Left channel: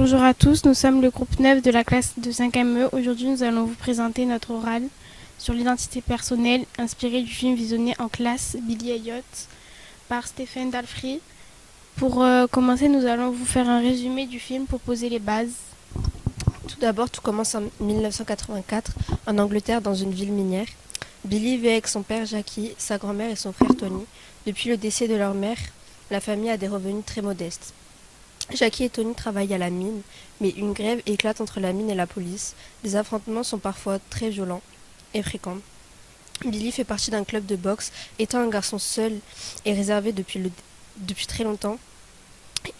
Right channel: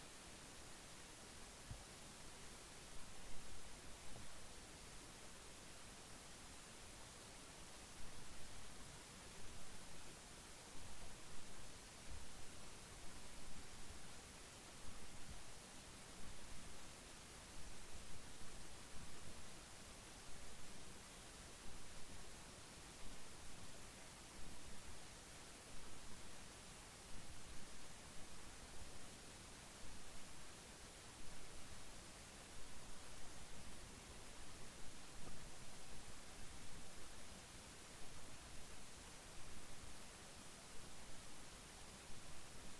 Bonjour à tous, nous sommes le groupe 9 de la classe de 5e E. Aujourd'hui, nous allons vous présenter notre oral sur l'identité personnelle inspiré du film visionné en classe Billy Elliot par Stephen Dalfree. Pour commencer, nous allons vous faire un résumé du film pour poser les bases. Tout d'abord, tout commence en 1984 en Angleterre dans une ville minière. Billy vit avec son père Jackie, sa grand-mère et son frère Tony. Depuis le décès de leur mère, la famille a des revenus très modestes. Jackie et Tony travaillent à la mine, mais une grève éclate entre la mine et la police. Les affrontements sont parfois très violents et fréquents. Billy fait partie d'un club de boxe. Étant un garçon seul et réservé depuis très longtemps,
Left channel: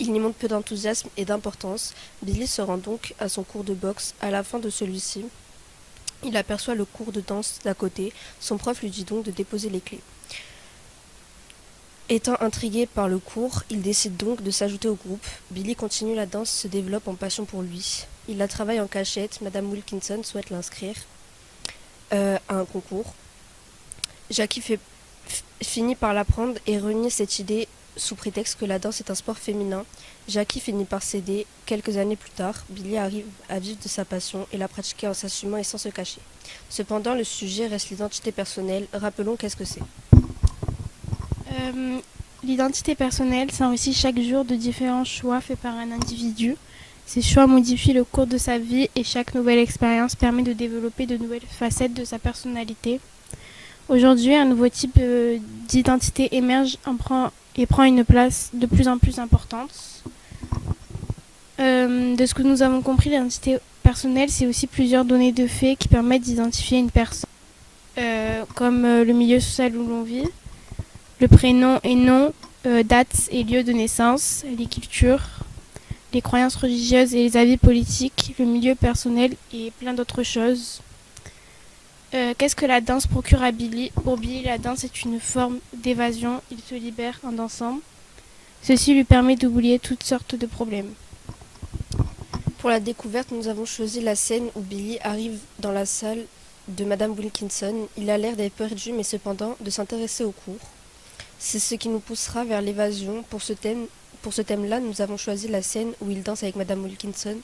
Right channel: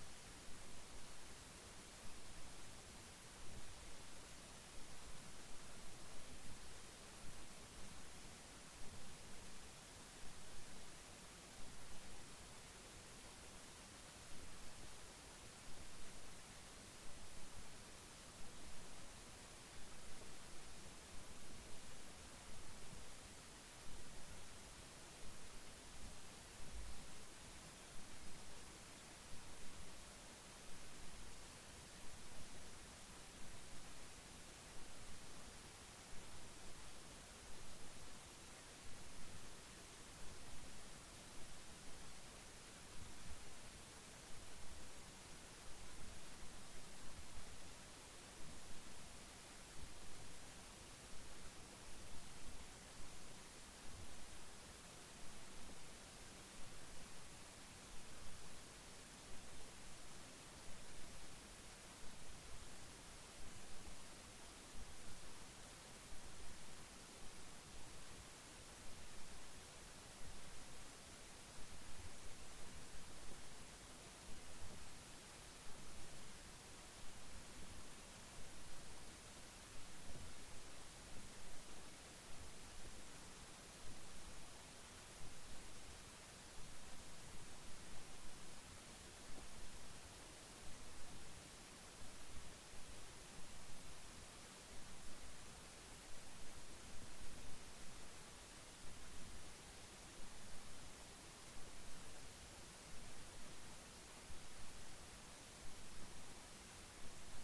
il n'y montre peu d'enthousiasme et d'importance. Billy se rend donc à son cours de boxe. À la fin de celui-ci, il aperçoit le cours de danse d'à côté. Son prof lui dit donc de déposer les clés. Étant intrigué par le cours, il décide donc de s'ajouter au groupe. Billy continue la danse, se développe en passion pour lui. Il la travaille en cachette. Madame Wilkinson souhaite l'inscrire à un concours. Jackie finit par l'apprendre et renie cette idée sous prétexte que la danse est un sport féminin. Jackie finit par céder. Quelques années plus tard, Billy arrive à vivre de sa passion et la pratiquer en s'assumant et sans se cacher. Cependant, le sujet reste l'identité personnelle. Rappelons qu'est-ce que c'est. L'identité personnelle s'enrichit chaque jour de différents choix faits par un individu. Ces choix modifient le cours de sa vie et chaque nouvelle expérience permet de développer de nouvelles facettes de sa personnalité. Aujourd'hui, un nouveau type d'identité émerge et prend une place de plus en plus importante. De ce que nous avons compris, l'identité personnelle, c'est aussi plusieurs données de faits qui permettent d'identifier une personne, comme le milieu social où l'on vit, le prénom et nom, date et lieu de naissance, les cultures, les croyances religieuses et les avis politiques, le milieu personnel et plein d'autres choses. Qu'est-ce que la danse procure à Billy? Pour Billy, la danse est une forme d'évasion. Il se libère en dansant. Ceci lui permet d'oublier toutes sortes de problèmes. Pour la découverte, nous avons choisi la scène où Billy arrive dans la salle de Madame Wilkinson. Il a l'air d'être perdu, mais cependant de s'intéresser au cours. C'est ce qui nous poussera vers l'évasion. Pour ce thème-là, nous avons choisi la scène où il danse avec Madame Wilkinson.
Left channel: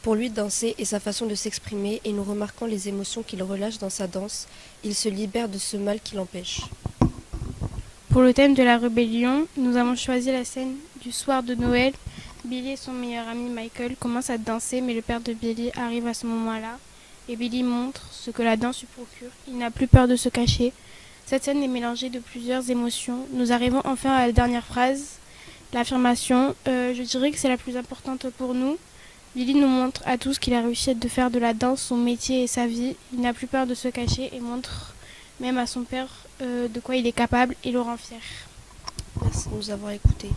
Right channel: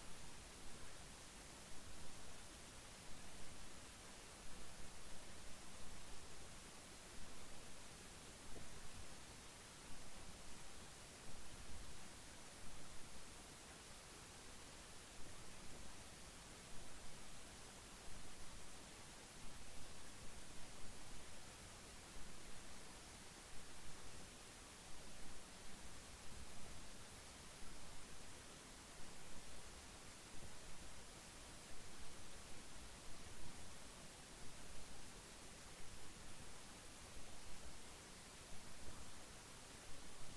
Pour lui, danser est sa façon de s'exprimer et nous remarquons les émotions qu'il relâche dans sa danse. Il se libère de ce mal qui l'empêche. Pour le thème de la rébellion, nous avons choisi la scène du soir de Noël. Billy et son meilleur ami Michael commencent à danser, mais le père de Billy arrive à ce moment-là et Billy montre ce que la danse lui procure. Il n'a plus peur de se cacher. Cette scène est mélangée de plusieurs émotions. Nous arrivons enfin à la dernière phrase, l'affirmation. Je dirais que c'est la plus importante pour nous. Billy nous montre à tous qu'il a réussi à faire de la danse son métier et sa vie. Il n'a plus peur de se cacher et montre même à son père de quoi il est capable et le rend fier. Merci de nous avoir écoutés.